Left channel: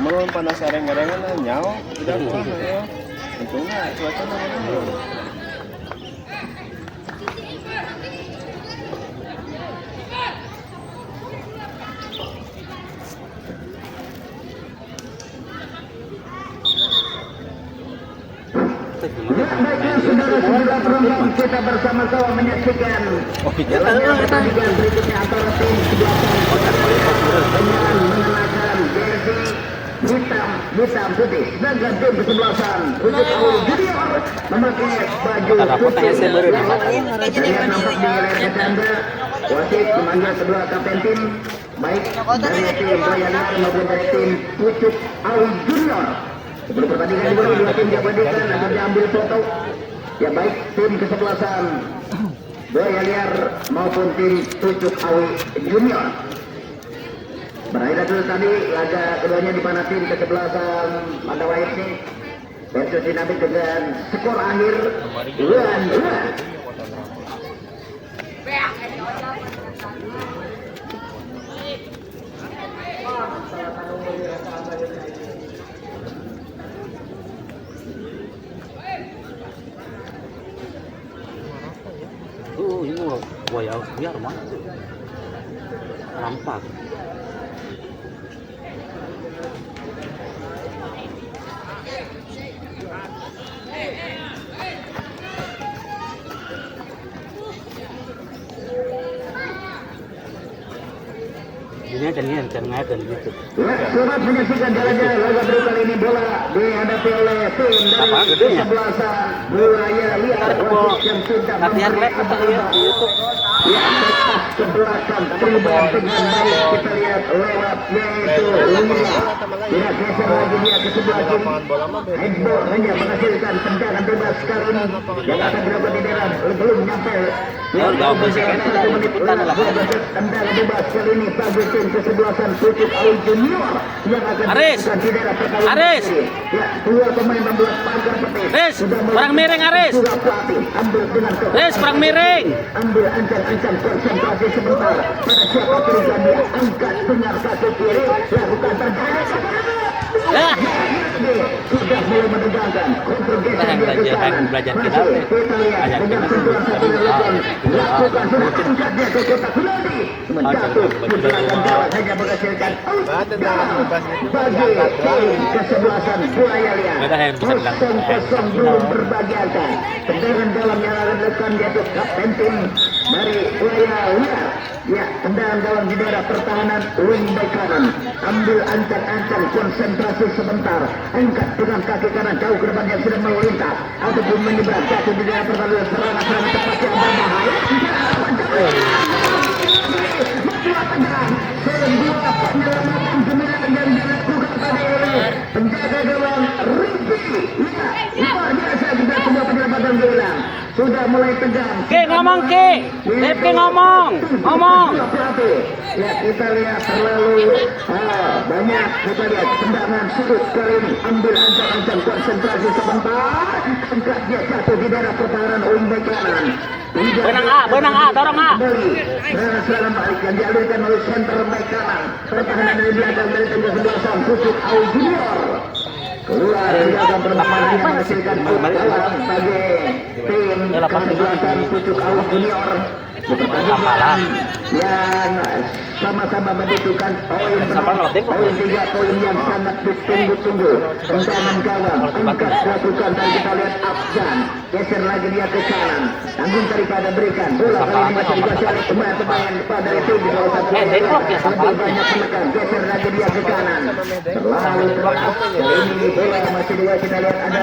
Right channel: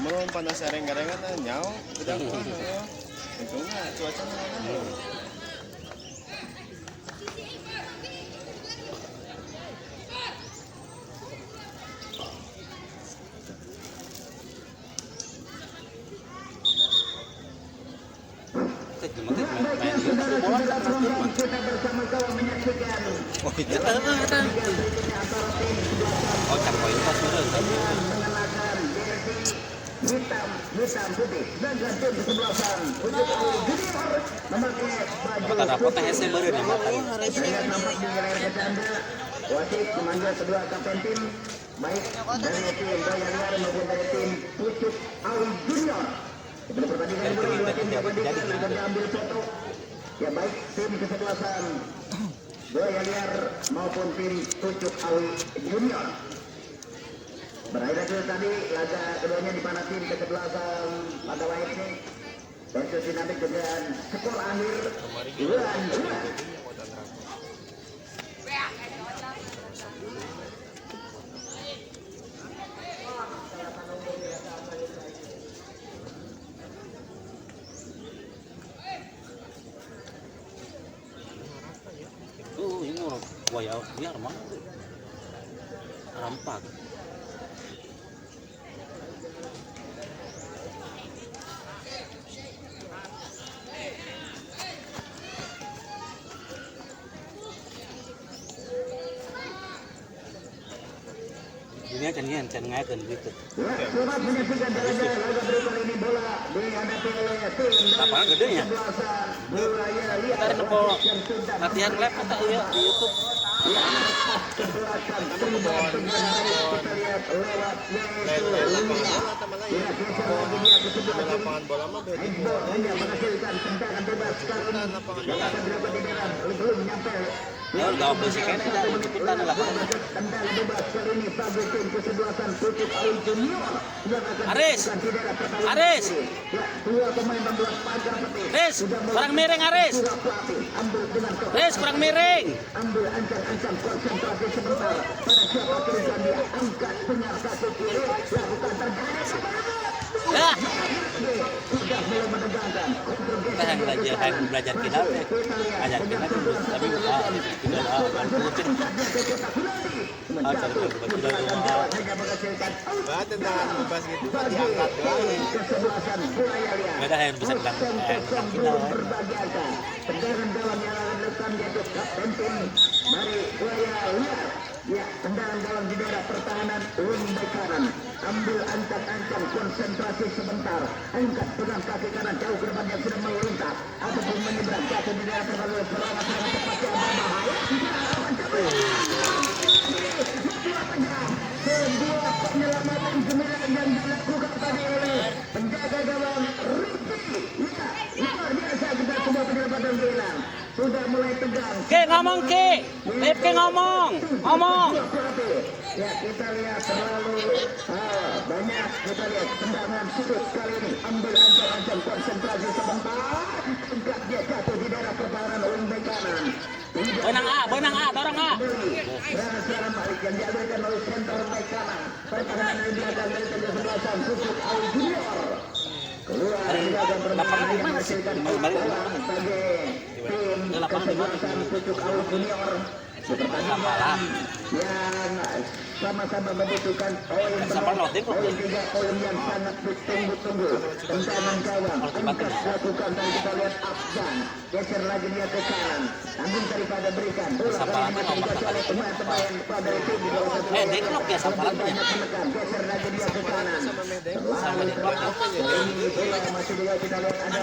Mulun panas areng-arengan nyao, udah pulang ayo. Untungnya cuaca mana? Saudara-saudara kita bersama-sama menyaksikan pertandingan berikutnya antara tim sebelah penyaran mengenakan jersey hitam putih, sedangkan tim kesebelasan untuk junior memakai baju putih. Terlihat nampak di layar kaca Anda, wasit memanggil kedua kapten tim, baik dari tim Bayangkara maupun dari tim Pucuk Awi Junior. Sebelum pertandingan dimulai, dua tim diabadikan atau diambil foto. Ya baik tim kesebelasan Buaya Liar maupun tim Pucuk Awi Junior. Berakhir dulu tadi laga keduanya di mana tim kesebelasan Mandala FC versus dinamik dengan skor akhir 2-2. Ini Buaya Liar mah rampak. Ini akan ngajak gitu. Selamat menyaksikan jalan-jalan laga baru kali ini bola dihadapi oleh tim dari kesebelasan Buaya Liar yang sudah latihan lab kita lihat di YouTube. Ya, ke belakang perubahan dengan baik kita lihat lewat yaitu Lumia. Ya, geser lagi dia ke sebelah kiri. Headball hanya menghasilkan tendangan bebas kali ini yang akan dilakukan di dalam belum nyampe. Tendangan bebas kali ini bagi tim kesebelasan Pucuk Awi Junior yang akan dilakukan di daerah pertahanan. Aris. Ya, dua pemain membuat pagar putih. Aris, perang miring Aris. Sudah pelatih ambil dengan Aris, perang miring. Ambil ancang-ancang konsentrasi sebentar. Pada siapa berikan dia angkat dengar kaki kiri. Lakukan pergerakan. Ya. Sudah mulai menegangkan. Kontrol geser dia ke kanan. Belajar Masuk kita lihat dengan sentuhan satu lakukan. Lakukan sudah angkat dia ke kotak penalti. Menjatuh di belakang gawang hanya menghasilkan bagi tim kesebelasan Buaya Liar. Kosong belum berbagiakan. Tendangan gawang yang akan dilakukan yaitu kapten tim dari Buaya Liar. Ya, tendangan gawang di daerah pertahanan wing back kanan. Ambil ancang-ancang konsentrasi sebentar. Angkat dengan kaki kanan jauh ke depan yang sudah melintas ataupun menyeberang jatuh di daerah pertahanan serangan tepat yang berbahaya. Sebuah penyelamatan gemilang yang dilakukan tadi oleh penjaga gawang Rifki. Ya, luar biasa juga sebuah penyelamatan gemilang. Sudah mulai tegang. Ngomong Rifki ngomong. Ya, kita lihat terlalu banyak. Kita lihat tendangan sudut kali ini. Ambil ancang-ancang konsentrasi sebentar. Angkat dia jatuh di daerah pertahanan wing back kanan. Benang A, dorong A. Serangan balik yang dialirkan oleh center back kanan. Pertahanan dari belakang dari tim kesebelasan Pucuk Awi Junior. Keluar di belakang pertahanan yang menghasilkan gawang bagi tim kesebelasan Pucuk Awi Junior. Pertandingan yang sama-sama membutuhkan poin 3 poin yang sangat ditunggu-tunggu. Tendangan gawang angkat lakukan dan kita lihat Afgan geser lagi dia ke kanan. Tanggung daripada berikan bola kali ini masih dikuasai oleh pemain-pemain dari tim di bawah satu. Lebih banyak menekan geser lagi dia ke kanan. Terlalu keras. Kali ini bola masih dua kita lihat ada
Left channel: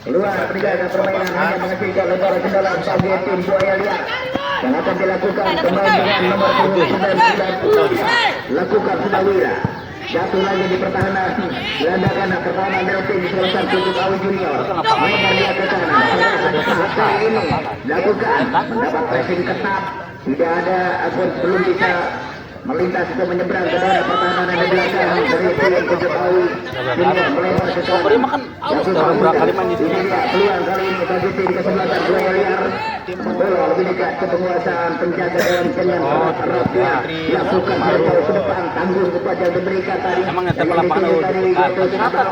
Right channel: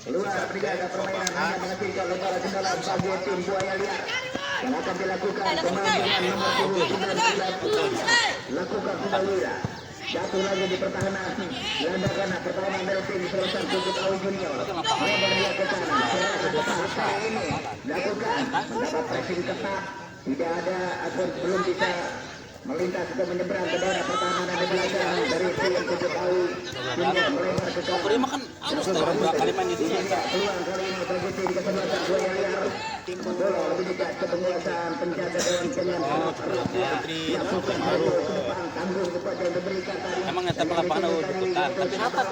keluar pergerakan permainan hanya menghasilkan lebar kendala bagi tim Buaya Liar yang akan dilakukan pemain dengan nomor 9 lakukan sudah Wira jatuh lagi di pertahanan gelandakan pertahanan dari tim kesebelasan Pucuk Awi Junior lebar dia ke kanan kali ini lakukan mendapat pressing ketat tidak ada ataupun belum bisa melintas atau menyeberang ke daerah pertahanan di belakang dari tim Pucuk Awi Junior melebar ke kanan. Ini dia peluang kali ini bagi tim kesebelasan Buaya Liar. Bola lebih dekat ke penguasaan penjaga dalam dengan erat-eratnya lakukan jauh ke depan tanggung cepat yang diberikan tadi. Emang nggak Yang lapangan dituju tadi yaitu kenapa?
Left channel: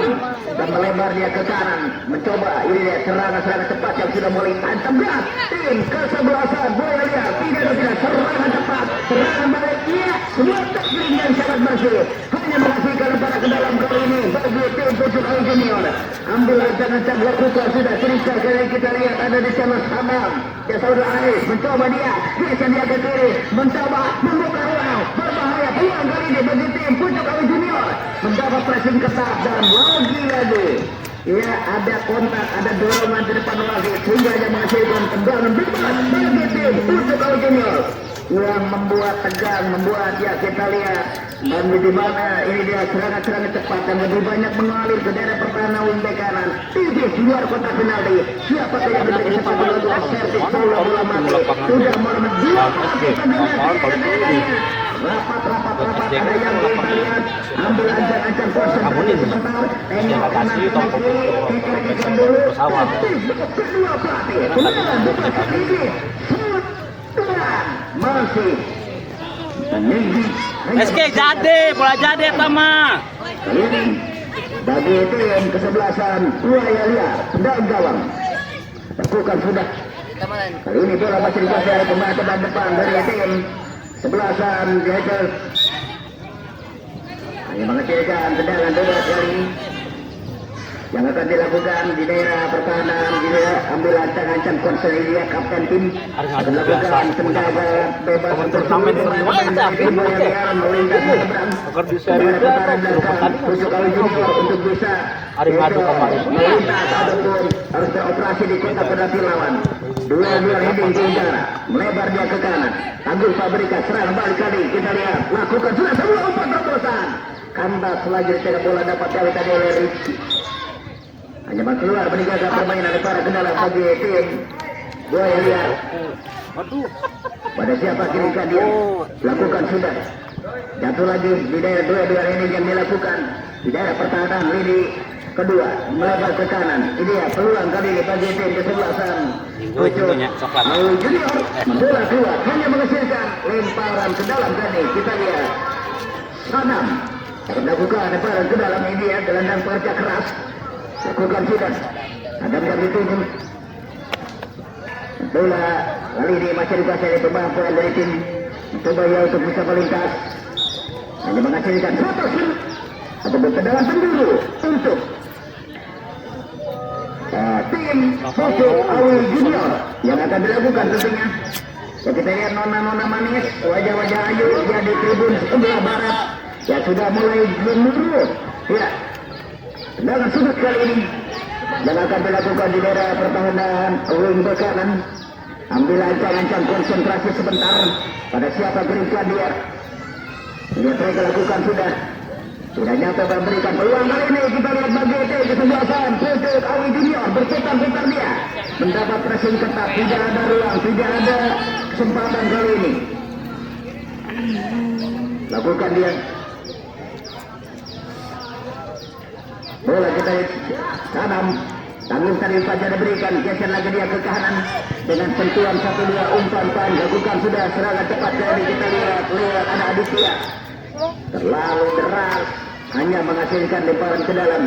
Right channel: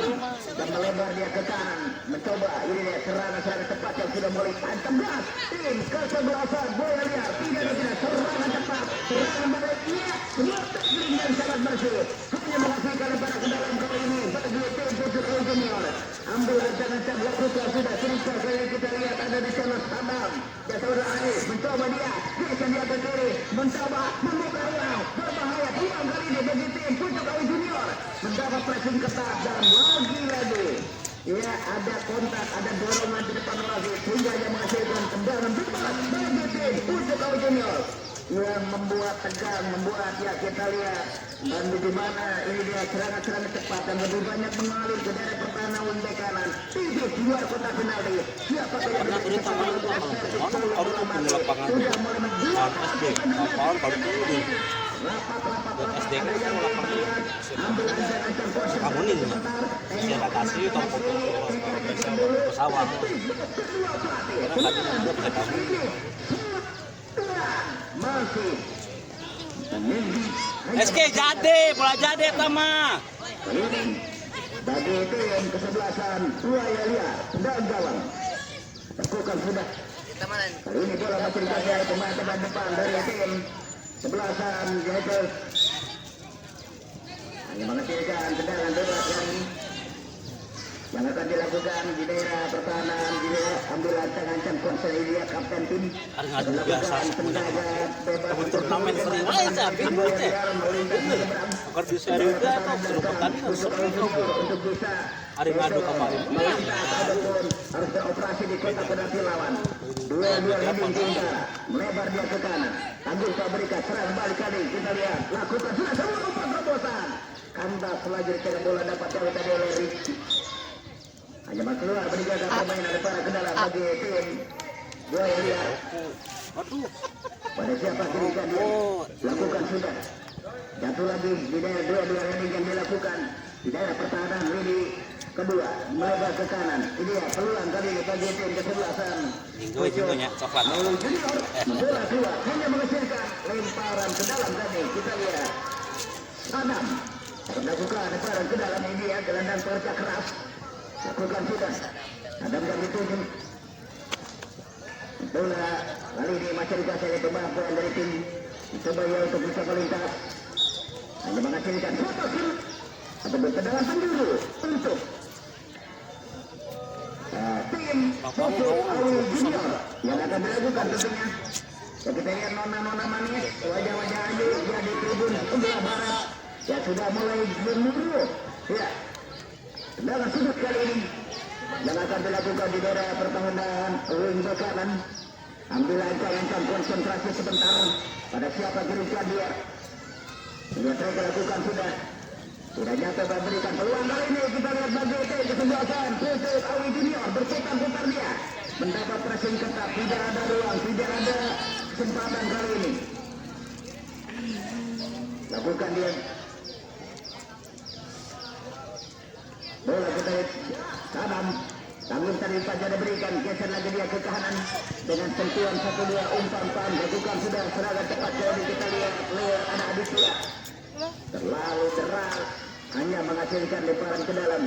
dan melebar dia ke kanan. Mencoba ini dia serangan cepat yang sudah mulai hantam berat. Tim kesebelasan Buaya Liar tidak serangan cepat, serangan balik iya. Semua teknik yang sangat bersih. Hanya menghasilkan lebar ke dalam kali ini bagi tim Pucuk Awi Junior. Ambil ancang-ancang Wakuka sudah cerita kali kita lihat ada di channel Hamam. Ya saudara Anies mencoba dia ke kiri, mencoba membuka ruang berbahaya peluang kali ini bagi tim Pucuk Awi Junior. Mendapat pressing ketat dan lagi-lagi ya ada kontak, ada dorongan di depan lagi sehingga yang menghasilkan tendangan bebas bagi tim Pucuk Awi Junior yang membuat tegang, membuat ya kita lihat dan di mana ini dia serangan-serangan cepat dan lebih banyak mengalir ke daerah pertahanan wing bek kanan. Tipis di luar kotak penalti. Siapa yang diberi kesempatan untuk servis bola mati. Sudah Muhammad Dia. Rapat ada yang kita lihat. Ambil ancang-ancang konsentrasi sebentar. Tengok kanan kiri dulu. Kedua pelatih. Bukan ini. Masih meninggi. SK jadi, bola jadi Tama. Ini bagi tim kesebelasan Buaya Liar dan gawang. Lakukan sudah. Kali ini bola masih dikuasai pemain depan dari tim sebelasan Jackers. Hanya menghasilkan tendangan bebas kali yang akan dilakukan di daerah pertahanan. Di daerah ambil ancang-ancang konselia kapten tim akan melakukan tendangan bebas untuk tim yang melintas menyeberang daerah pertahanan belakang Pucuk Awi Junior untuk bisa melintas ataupun harus beroperasi di kotak penalti lawan. Dua-dua heading ke udara, melebar dia ke kanan. Tangguh Fabrika serang balik kali kita lihat lakukan sudah semua umpan terobosan. Kandas lagi tidak bola dapat dari tadi oleh Rizky. Hanya keluar meninggalkan permainan para kendala bagi tim Buaya Liar. Pada siapa kirimkan dia lakukan sudah. Jatuh lagi di daerah dua-dua ini yang dilakukan di daerah pertahanan lini kedua melebar ke kanan. Ini ya peluang kali bagi tim kesebelasan Pucuk Awi Junior. Bola keluar hanya menghasilkan lemparan ke dalam tadi kita lihat. Kanan akan melakukan lemparan ke dalam ini ya gelandang parca keras. Lakukan sudah. Adam yang dituju. Bola kali ini masih dikuasai pemain dari tim mencoba ya untuk bisa melintas. Hanya menghasilkan satu shoot ataupun tendangan penjuru untuk tim Pucuk Awi Junior yang akan dilakukan tentunya. So, kita lihat nona-nona manis, wajah-wajah ayu ya di tribun sebelah barat ya sudah mulai gemuruh ya. Tendangan sudut kali ini yang akan dilakukan di daerah pertahanan wing bek kanan. Ambil ancang-ancang konsentrasi sebentar pada siapa kirimkan dia. Dia mereka lakukan sudah. Tidak nyata memberikan peluang kali ini kita lihat bagi tim kesebelasan Pucuk Awi Junior berputar-putar dia. Mendapat pressing ketat, tidak ada ruang, tidak ada kesempatan kali ini. Lakukan dia. Bola kita Sadam tanggung tadi saja diberikan, geser lagi dia ke kanan dengan sentuhan 1-2 umpan lakukan sudah serangan cepat dari kita lihat ada Aditya terlalu deras hanya menghasilkan lemparan ke dalam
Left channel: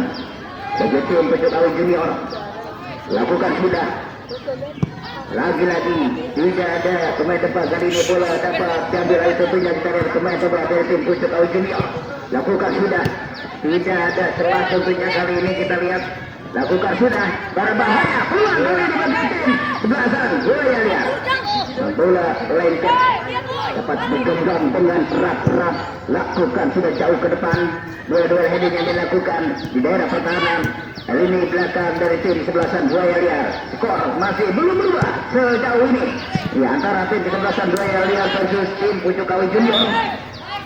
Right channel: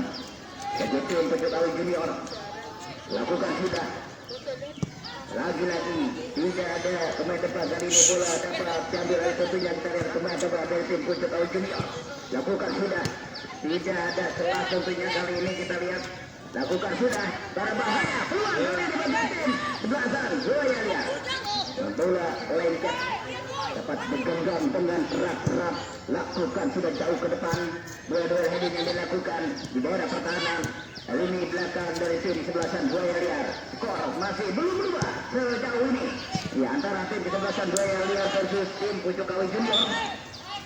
bagi tim Pucuk Awi Junior. Lakukan sudah lagi-lagi tidak ada pemain depan kali ini bola dapat diambil oleh tentunya kita lihat pemain depan dari tim Pucuk Awi Junior. Lakukan sudah. Tidak ada celah tentunya kali ini kita lihat. Lakukan sudah. Berbahaya. Peluang kali ini bagi tim sebelasan Buaya Liar. Bola lengket. Dapat digenggam dengan erat-erat. Lakukan sudah jauh ke depan. Dua-dua heading yang dilakukan di daerah pertahanan. Kali ini belakang dari tim sebelasan Buaya Liar. Skor masih belum berubah sejauh ini. Di antara tim sebelasan Buaya Liar versus tim Pucuk Awi Junior.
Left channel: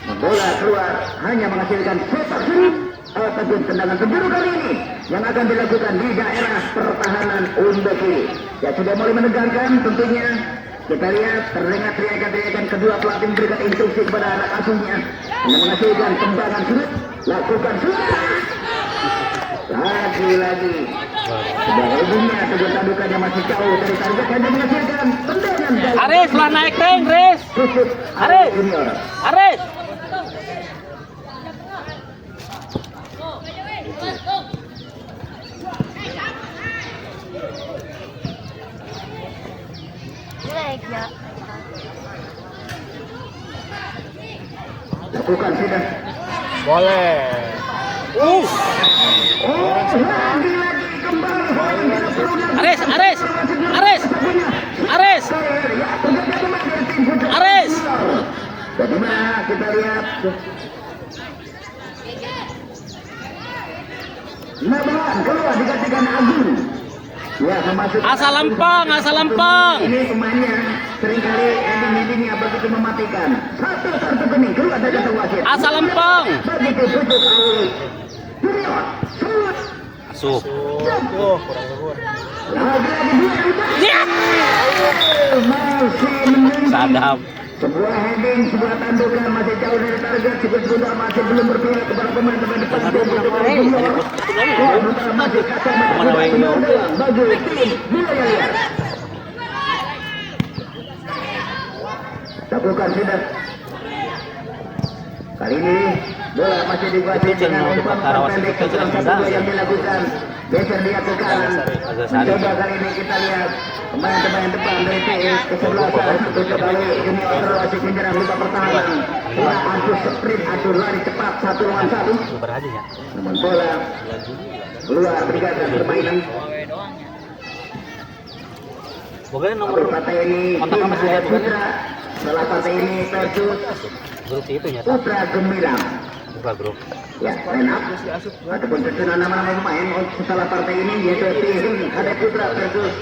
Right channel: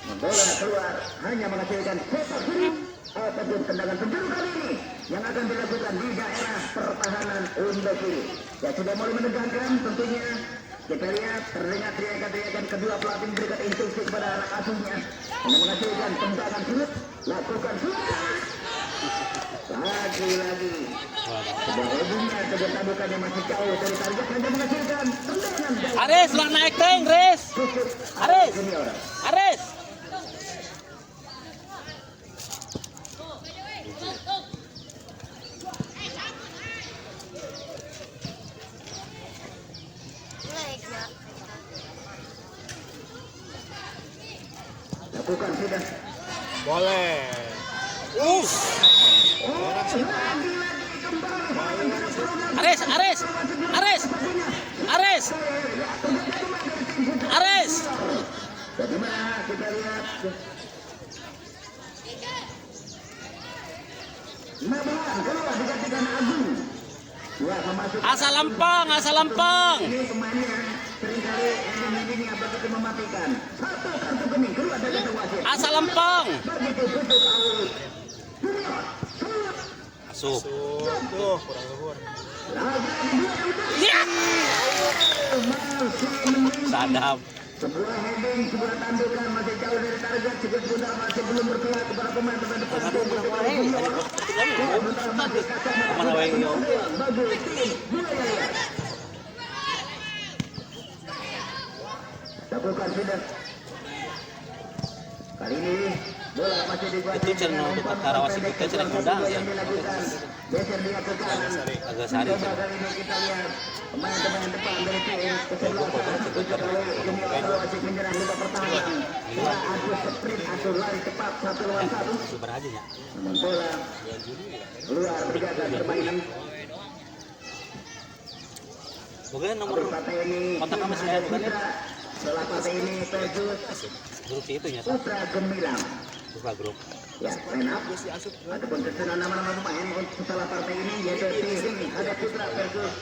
Bola keluar hanya menghasilkan sepak sudut ataupun tendangan penjuru kali ini yang akan dilakukan di daerah pertahanan wing bek kiri. Ya sudah mulai menegangkan tentunya. Kita lihat terdengar teriakan-teriakan kedua pelatih memberikan instruksi kepada anak asuhnya yang menghasilkan tendangan sudut. Lakukan sudah. Lagi-lagi sudah ujungnya tegur tadukannya masih jauh dari target hanya menghasilkan tendangan. Aris lah naik tank, Aris. Pucuk Aris. Junior. Aris. Lakukan sudah. Boleh. Oh, lagi kembali. Aris, Aris, Aris, Aris, Aris. Bagaimana kita lihat? Nabalan keluar digantikan Agung. Ya, memasuk. Asal lempeng, asal lempeng. Ini pemainnya seringkali ending-endingnya begitu mematikan. Satu kartu kuning keluar dari kata wasit. Asal lempeng. Begitu tutup awal. Junior, shoot. Asuh. Tuh, kurang luhur. Lagi-lagi dia. Ya. Masih menunggu. Sadap. Sebuah heading, sebuah tandukan masih jauh dari target. Cukup mudah masih belum berpihak kepada pemain-pemain depan. Kemana wae yo. Bagi tim Bulaya. Lakukan sudah. Kali ini bola masih dikuasai dengan umpan pendek yang dilakukan. Geser dia ke kanan. Mencoba kali ini kita lihat pemain-pemain depan dari tim kesebelasan untuk kali ini Sulawesi menyerang luka pertahanan. Bola adu sprint, adu lari cepat 1 lawan 1. Namun bola keluar brigada permainan. Pokoknya nomor Partai ini kontak tim masih ada bukan? Putra. Setelah partai ini versus grup itu nyata. Putra Gemilang. Grup. Ya, line up ataupun susunan nama pemain setelah partai ini yaitu tim ada Putra versus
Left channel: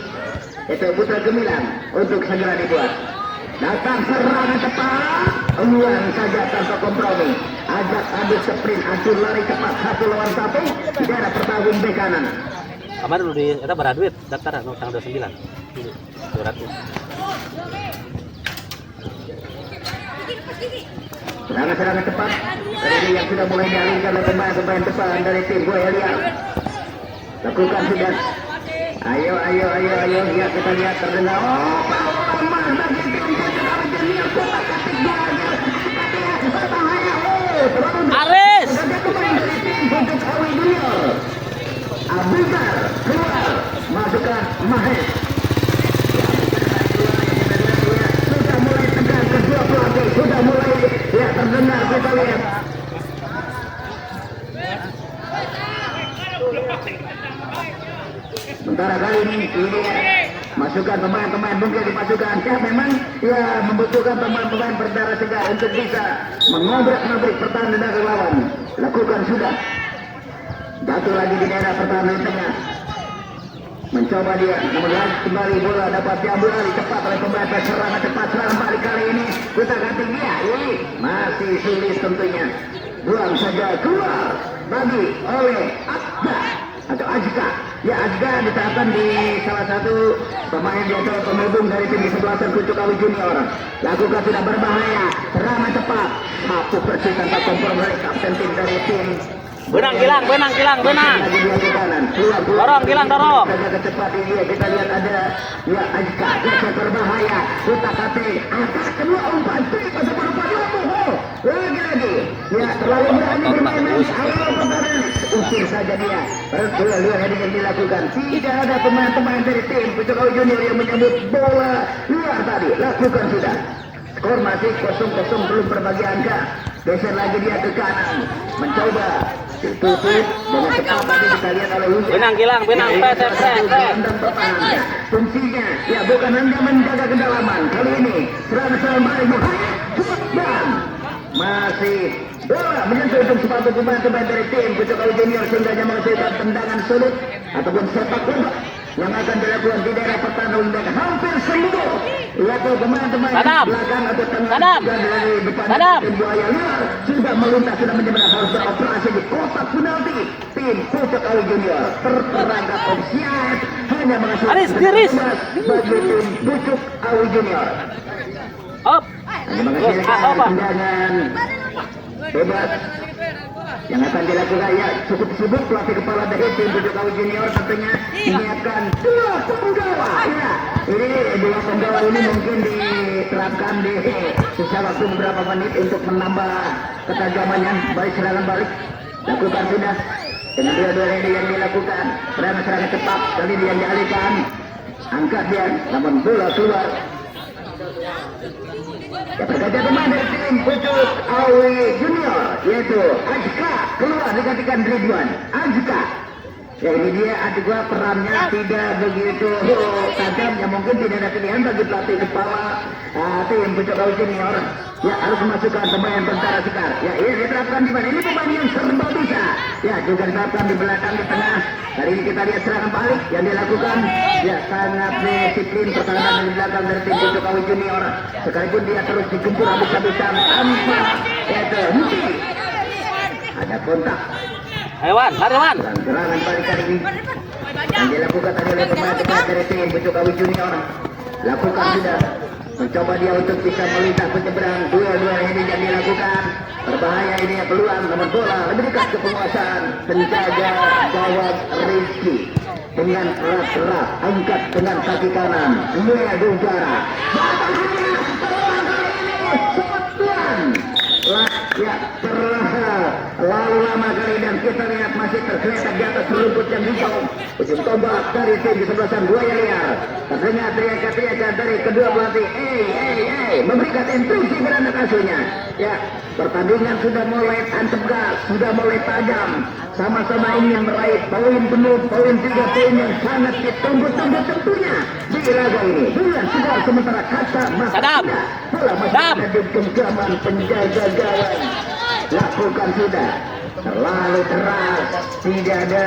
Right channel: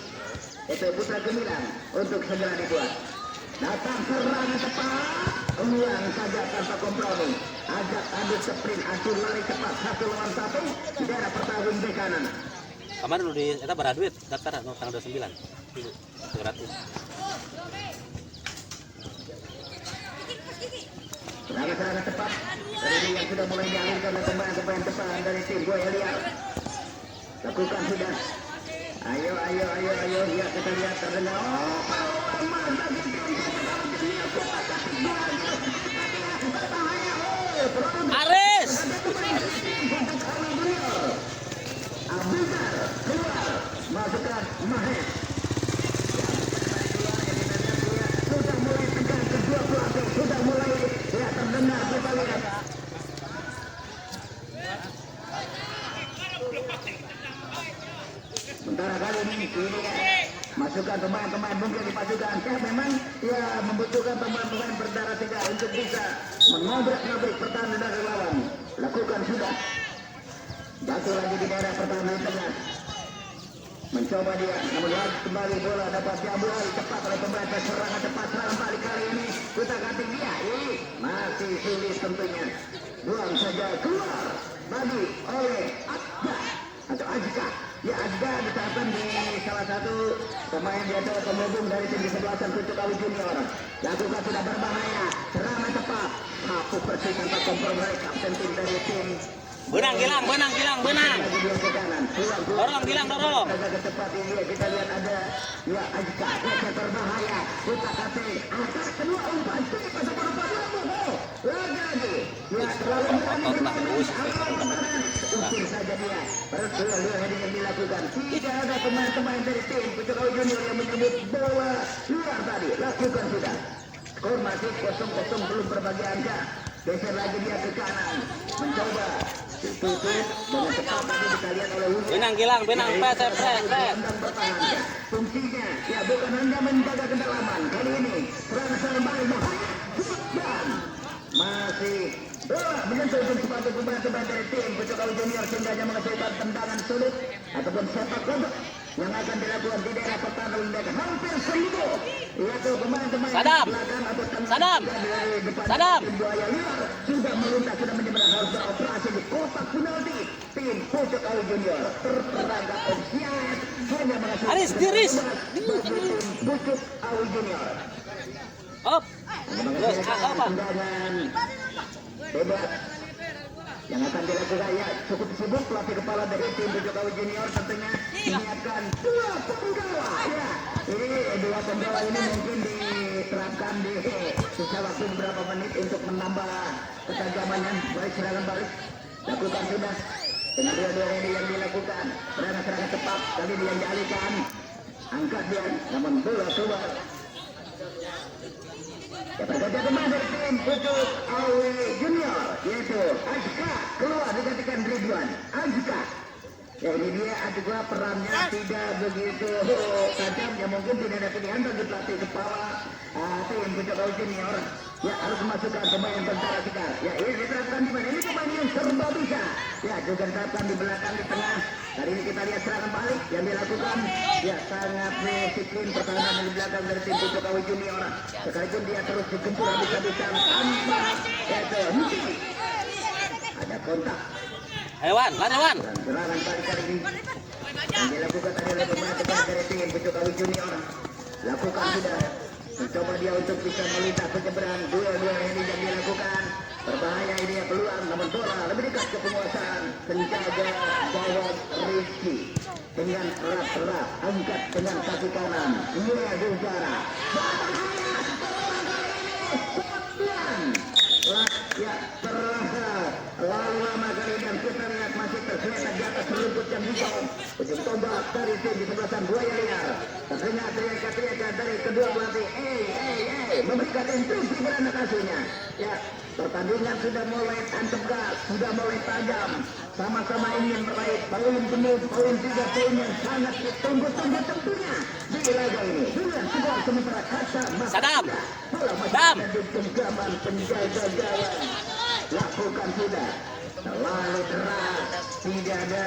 yaitu Putra Gemilang untuk segera dibuat. Datang serangan cepat, ulang saja tanpa kompromi. Ajak adu sprint, adu lari cepat 1 lawan 1 di daerah pertahun bek kanan. Kemarin udah kita beraduit daftar tanggal 29. 200. Serangan-serangan cepat kali ini yang sudah mulai dialihkan oleh pemain-pemain depan dari tim Buaya Liar. Lakukan sudah. Ayo. Ya kita lihat terdengar. Oh, Pak bagi tim Junior Kota Katik Aris. untuk Awi Junior. Abizar keluar. Masukkan Mahes. Sudah mulai tegang kedua pelatih. Sudah mulai ya terdengar kita lihat. Sementara kali ini masukkan pemain-pemain mungkin dimasukkan ya memang ya membutuhkan pemain-pemain berdarah segar untuk bisa mengobrak-ngabrik pertahanan dari lawan. Lakukan sudah. Jatuh lagi di daerah pertahanan tengah. Mencoba dia, namun lagi kembali bola dapat diambil alih cepat oleh pemain serangan cepat serangan balik kali ini kita ganti dia. Ini masih sulit tentunya. Buang saja keluar bagi oleh Azka atau Azka. Ya Azka ditahan di salah satu pemain di antara penghubung dari tim kesebelasan Pucuk Awi Junior. Lakukan sudah berbahaya, serangan cepat, satu persis tanpa kompromi kapten tim dari tim. Benang kilang. Dorong kilang. Cepat ini kita lihat ada ya Azka geser berbahaya. Kita kate angkat kedua umpan pada lagi. Ya terlalu berani bermain. Usir saja dia. Lihat yang dilakukan. Tidak ada pemain-pemain dari tim Pucuk Awi Junior yang menyebut bola luar tadi. Lakukan sudah. Skor masih 0-0 belum berbagi angka. Geser lagi dia ke kanan. Mencoba tutup dengan cepat tadi kita lihat oleh William. Benang kilang. Fungsinya ya bukan hanya menjaga kedalaman. Kali ini serangan balik dan masih bola menyentuh untuk sepatu pemain dari tim Pucuk Awi Junior sehingga menghasilkan tendangan sulit ataupun sepak bola yang akan dilakukan di daerah pertahanan dan hampir seluruh yaitu pemain-pemain belakang atau tengah dari depan tim Buaya Liar sudah melintas sudah menyeberang harus beroperasi di kotak penalti tim Pucuk Awi Junior terperangkap offside hanya menghasilkan bagi tim Pucuk Awi Junior. Up. Menghasilkan tendangan bebas yang akan dilakukan ya cukup sibuk pelatih kepala dari tim Pucuk Awi Junior tentunya menyiapkan dua penggawa ya ini dua penggawa ini mungkin diterapkan di sisa waktu beberapa menit untuk menambah ketajamannya balik serangan balik lakukan sudah dengan dua-dua ini yang dilakukan serangan cepat kali ini yang dialihkan angkat dia namun bola keluar. Ya pergantian pemain dari tim Pucuk Awi Junior. yaitu Azka keluar digantikan Ridwan Azka. Ya ini dia Azka, perannya tidak begitu tajam, ya mungkin tidak ada pilihan bagi pelatih kepala tim Pucuk Awi Junior. Ya harus memasukkan pemain Tentara Sekar. Ya ini diterapkan di mana? Ini pemain yang serba bisa. Ya juga diterapkan di belakang, di tengah. Kali ini kita lihat serangan balik yang dilakukan. Ya sangat disiplin pertahanan dari belakang dari tim Pucuk Awi Junior. Sekalipun dia terus digempur habis-habisan tanpa henti. Ada kontak. Ayo Wan, lari Wan. Serangan balik kali ini yang dilakukan tadi oleh pemain dari tim Pucuk Awi Junior. Lakukan sudah. Mencoba dia untuk bisa melintas penyeberang. Dua-dua ini yang dilakukan. Berbahaya ini ya, peluang namun bola lebih dekat ke penguasaan penjaga gawang Rizky. Dengan erat-erat angkat dengan kaki kanan. Mulia di udara. Ya lalu lama kali dan kita lihat masih tergeletak di atas rumput yang hijau. Ujung tombak dari tim di sebelah sana Buaya Liar. Terdengar teriakan-teriakan dari kedua pelatih. Memberikan instruksi kepada anak asuhnya. Ya, pertandingan sudah mulai tegas, sudah mulai tajam. Sama-sama ingin meraih poin penuh, poin 3 poin yang sangat ditunggu-tunggu tentunya di laga ini. Dengan Segar sementara kata Sadap. bola masih ada di genggaman penjaga gawang. Lakukan sudah terlalu keras, tidak ada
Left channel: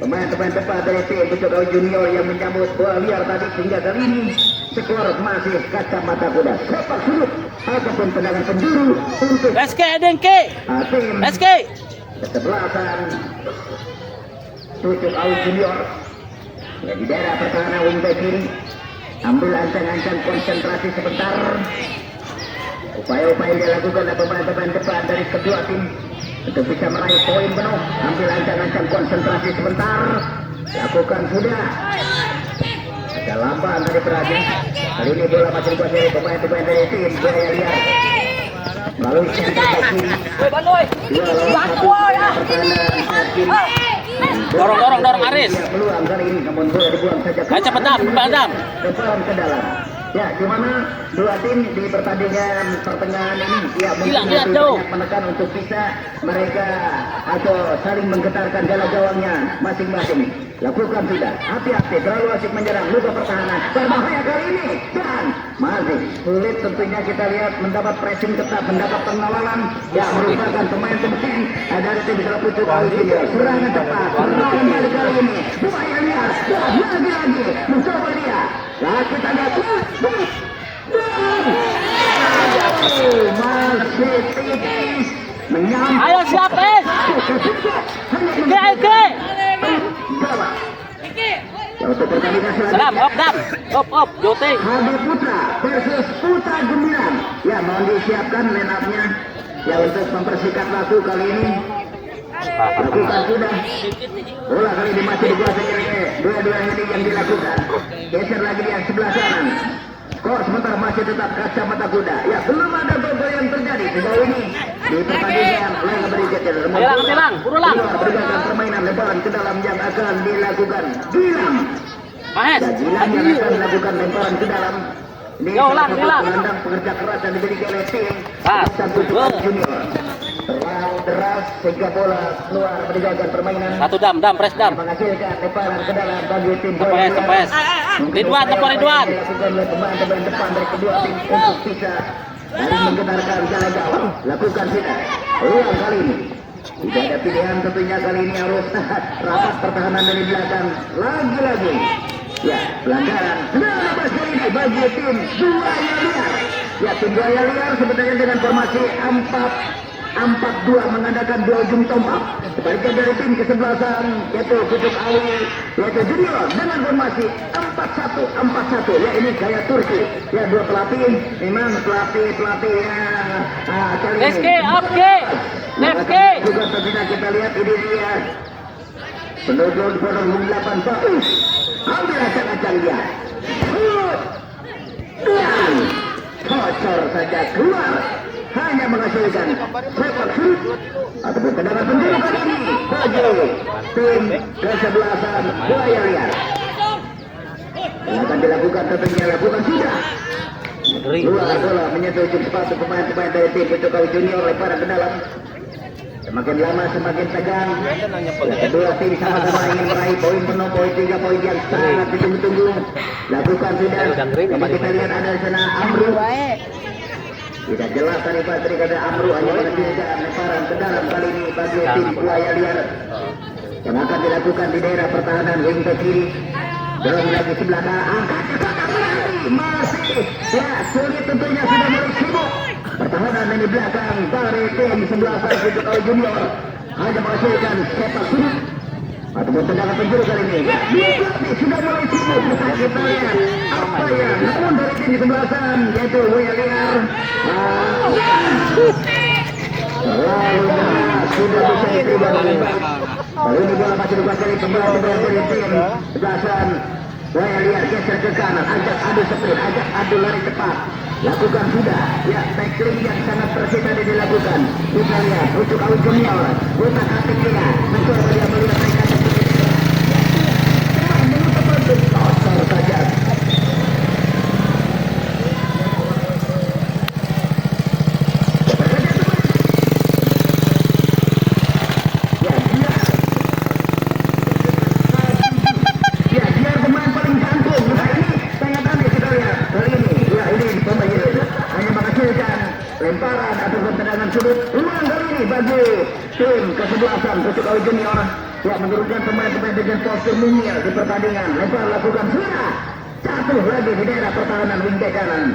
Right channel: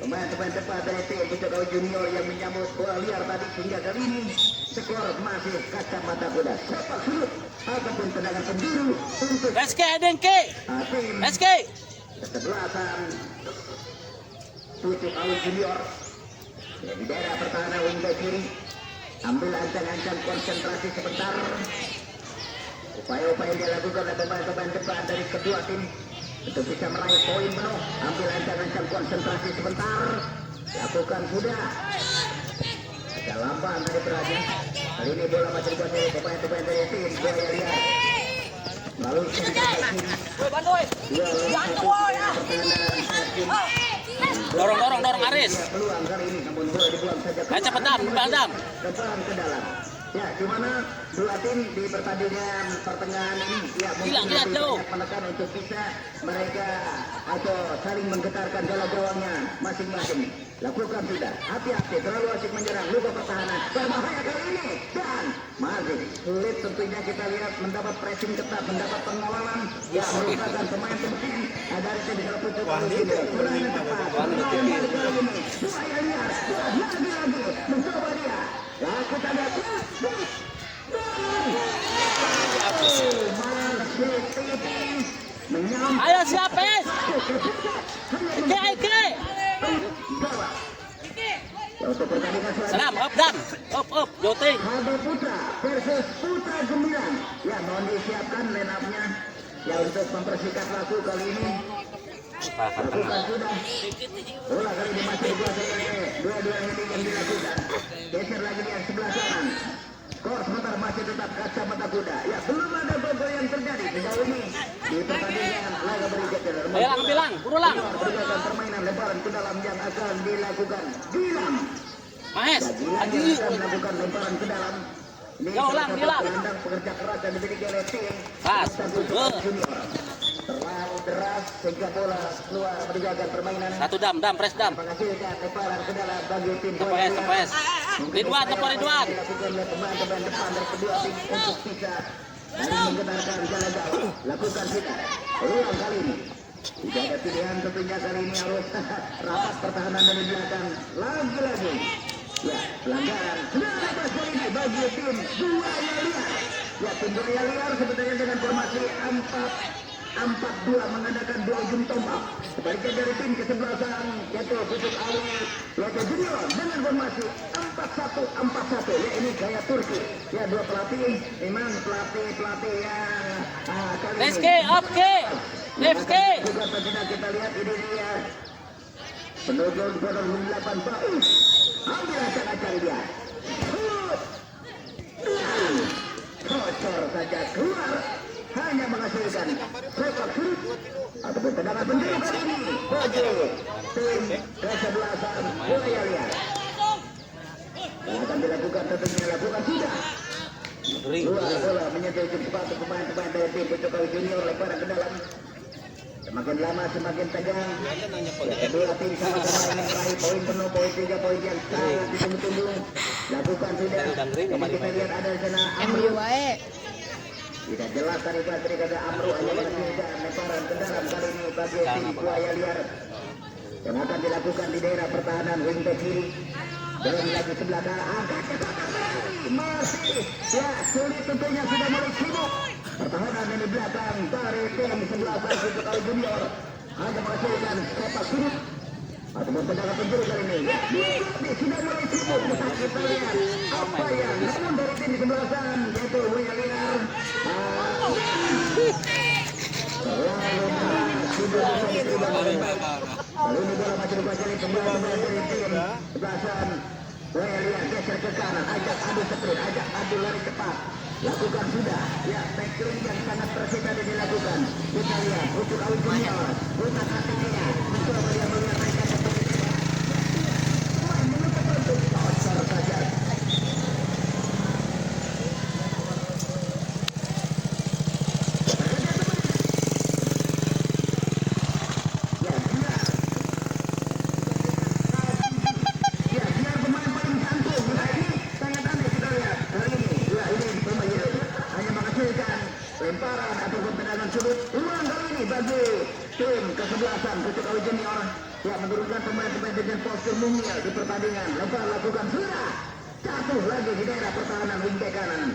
pemain-pemain tepat dari tim Pucuk Awi Junior yang menyambut bola liar tadi sehingga kali ini skor masih kacamata kuda. Sepak surut ataupun tendangan penjuru untuk SK Dengke. tim SK. kesebelasan Pucuk Awi Junior. Ya, di daerah pertahanan wingback kiri, ambil ancang-ancang konsentrasi sebentar. Upaya-upaya yang dilakukan oleh pemain-pemain depan dari kedua tim untuk bisa meraih poin penuh. Ambil ancang-ancang konsentrasi sebentar. Lakukan sudah. Ada lamban dari Praja. Kali ini bola masih dikuasai oleh pemain-pemain dari tim Buaya Liar. Melalui sekitar kiri. Dorong Aris. Peluang kali ini namun bola dibuang saja. Ayo cepet Dam, Dam. Depan ke dalam. Ya, gimana dua tim di pertandingan pertengahan ini ya Lihat jauh menekan untuk bisa mereka atau saling menggetarkan jala gawangnya masing-masing. Lakukan sudah. Hati-hati, terlalu asik menyerang, lupa pertahanan. Berbahaya kali ini dan masih sulit tentunya kita lihat mendapat pressing ketat, mendapat pengawalan yang merupakan pemain penting dari tim Pucuk Awi Junior. Serangan cepat, serangan balik kali ini. Buaya Liar, lagi-lagi mencoba dia. Nah, kita lihat masih tipis menyambut. Ayo siapin. Oke. Ya, untuk pertandingan Sadap, selanjutnya op, Jote. Hadi Putra versus Putra Gemilang. Ya, mohon disiapkan line up-nya ya untuk mempersingkat waktu kali ini. Lakukan sudah. Bola kali ini masih dikuasai oleh dua-dua ini yang dilakukan. Geser lagi di sebelah kanan. Skor sebentar masih tetap kacamata kuda. Ya, belum ada gol yang terjadi sejauh ini di pertandingan laga berikutnya. Hilang, burulang. Berdasarkan permainan lebaran ke dalam yang akan dilakukan Gilang. Mahes. Ya, Gilang yang akan melakukan lemparan ke dalam. Ini Gilang. gelandang pekerja keras dan dimiliki oleh tim Pucuk Awi Junior. Terlalu deras sehingga bola keluar meninggalkan permainan. Satu Dam, press Dam. Menghasilkan lemparan ke dalam bagi tim Tepes. Ridwan. Pemain depan dari kedua tim untuk bisa menggetarkan jala gawang. Lakukan tidak. Ulang kali ini. Tidak ada pilihan tentunya kali ini harus tahan rapat pertahanan dari belakang. Lagi-lagi. Ya, pelanggaran. Nah, lepas kali ini bagi tim Buaya Liar. Ya, tim Buaya Liar sebenarnya dengan formasi 4-4-2 mengandalkan dua ujung tombak. Sebaliknya dari tim kesebelasan yaitu Pucuk Awi yaitu Junior dengan formasi 4-1-4-1. Ya, ini gaya Turki. Ya, dua pelatih memang pelatih yang kali ini. SK. Juga tentunya kita lihat ini dia penuju di bawah 8 tahun. Ambil ancang-ancang dia. Dan kocor saja keluar. Hanya menghasilkan sepak surut ataupun tendangan penjuru kali ini bagi tim kesebelasan Buaya Liar. Yang akan dilakukan tentunya lakukan sudah. Luar bola menyentuh ujung sepatu pemain-pemain dari tim Pucuk Awi Junior lemparan ke dalam. Semakin lama semakin tegang. Kedua tim sama-sama ingin meraih poin penuh, poin 3 poin yang sangat ditunggu-tunggu. Lakukan sudah. Ini kita lihat ada di sana Amru. Tidak jelas tadi kata Amru hanya menghasilkan lemparan ke dalam kali ini bagi tim Buaya Liar. Yang akan dilakukan di daerah pertahanan wing ke kiri. Dorong lagi sebelah kanan. Angkat ke belakang. Masih. Ya sulit tentunya sudah mulai sibuk. Pertahanan di belakang dari tim sebelah Putra Junior hanya menghasilkan sepak sulit ataupun tendangan penjuru kali ini. Ya, sudah mulai sibuk. Kita lihat apa ya namun dari tim sebelah sana yaitu Buaya Liar. Lalu sudah bisa diterima dengan baik. Kali ini bola masih dikuasai kembali dari tim sebelah sana. Buaya Liar geser ke kanan, ajak adu sprint, ajak adu lari cepat. Lakukan sudah, ya tackling yang sangat presisi tadi dilakukan. Kita lihat untuk Aul Junior, buta kaki kira, mencoba dia melihat mereka menutup untuk kotor saja. Lemparan ataupun tendangan sudut ulang kali ini bagi tim kesebelasan Putra Junior yang menurunkan pemain-pemain dengan postur mungil di pertandingan. Lempar lakukan sudah jatuh lagi di daerah pertahanan wing back kanan.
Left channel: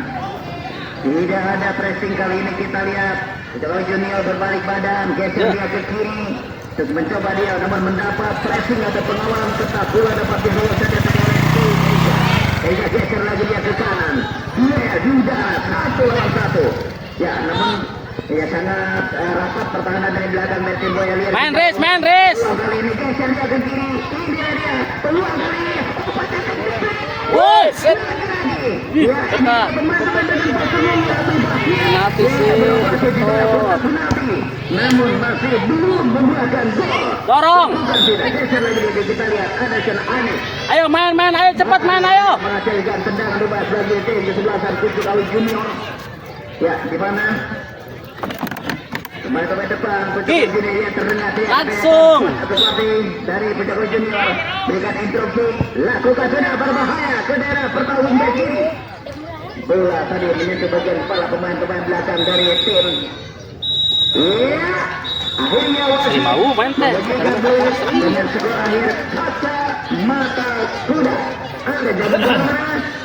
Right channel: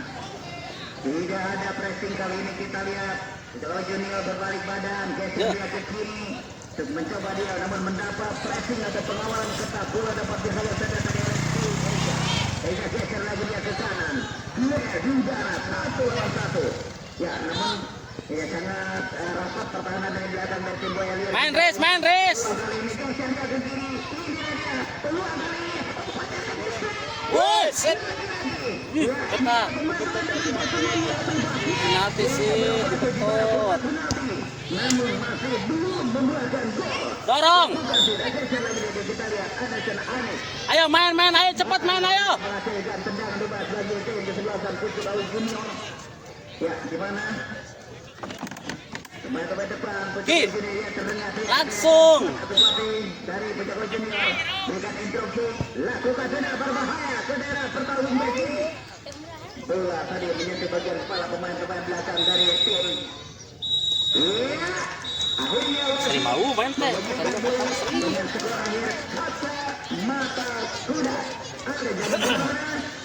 Tidak ada pressing kali ini kita lihat Putra Junior berbalik badan geser dia ke kiri untuk mencoba dia namun mendapat pressing atau pengawalan ketat. Bola dapat dibawa saja tadi oleh tim sehingga geser lagi dia ke kanan. Dia di udara 1 lawan 1. Ya, namun ya sangat rapat pertahanan dari belakang dari tim Buaya Liar. Main race. Kali ini geser dia ke kiri. Ini dia peluang kali ini. Woi, shit. Ya, teman-teman dengan posturnya Penalti sih. namun masih belum membuahkan gol. Dorong. Tidak geser lagi kita lihat ada sana Anis. Ayo main, ayo cepat main ayo. Menghasilkan tendangan bebas bagi tim kesebelasan Putra Junior. Ya, di mana? Pemain depan Putra Junior terdengar langsung. Tetapi dari Putra Junior berikan instruksi, lakukan sudah berbahaya ke daerah pertahuan back kiri. Bola tadi menyentuh bagian kepala pemain-pemain belakang dari tim. Ya, akhirnya wasit Mau main teh. dengan skor akhir kaca mata kuda. Ada jam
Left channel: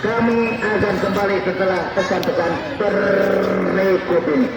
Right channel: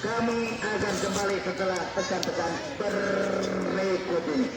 kami akan kembali setelah pesan-pesan berikut ini.